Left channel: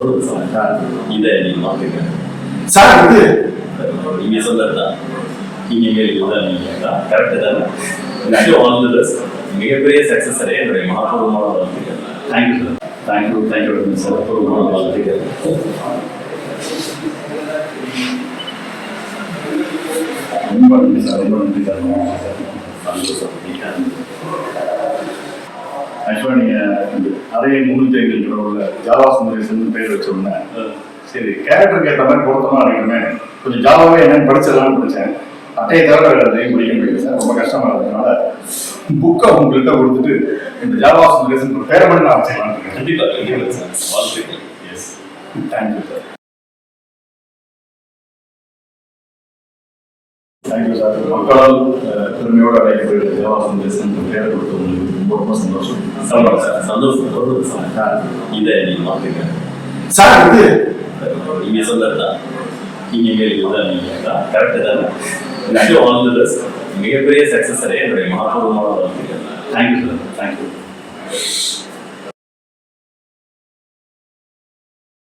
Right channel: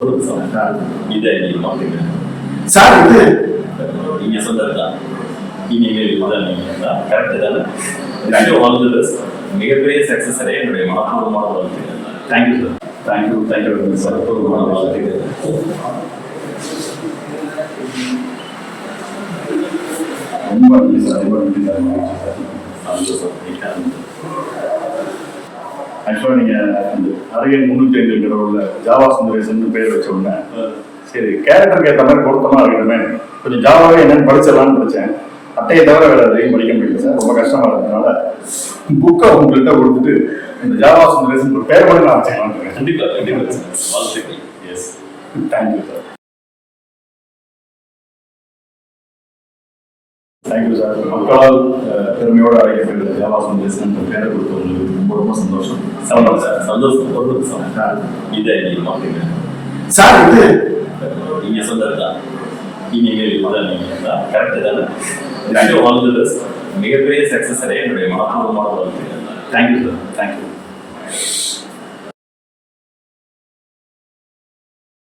இதை நீங்க மாத்துங்க சார். இது நீங்க சொன்னதுதான். இனிமேல் இதுதான் நீங்க தான் கரெக்டு தானே. All the best. மிகப்பெரிய சக்சஸ் அடைய என்னுடைய மனப்பூர்வமான வாழ்த்துக்கள். Thank you sir. Thank you very much sir. பூர்வமான வாழ்த்துக்கள். ரொம்ப நன்றி சார். ரொம்ப நன்றி சார். ஆக்சுவலாக நீங்கள் அறையின் 305 உள்ள ஜாவா சுந்தரேசன் பேர் வச்ச உடனே சரி கேரக்டருக்கு ஏற்ற மாதிரி பொருத்தமாக இருக்கணுமே கொஞ்சம் ஜாவாவே என்னென்னு படிச்சிடலாம்னு படித்தேன். அட்டையை தவிர வேறு எதையும் படிக்க முடியல சார். ரொம்ப கஷ்டமாக இருந்ததுனால புக்கை உங்கள்கிட்ட கொடுத்துட்டு இந்த ஜாவா சுந்தரேசன் ஒரு பேரை மட்டும் நான் வச்சுக்கலாம். கண்டிப்பாக கண்டிப்பாக சார். வாழ்த்துக்கள். Yes, thank you sir. Thank you sir. மக்களால் பெருமையோடு அழைக்கப்படுகிற ஜாவா சுந்தரேசன் பேரை கொடுத்தவங்களுக்கு ரொம்ப ரொம்ப சந்தோஷம். சந்தோஷம் சார். சந்தோஷம் சார். இதை நீங்க மாத்துங்க சார். இது நீங்க சொன்னதுதான். இனிமேல் இதுதான் நீங்க தான் கரெக்டு தானே. All the best. மிகப்பெரிய சக்சஸ் அடைய என்னுடைய மனப்பூர்வமான வாழ்த்துக்கள். Thank you sir. தேங்க்யூ.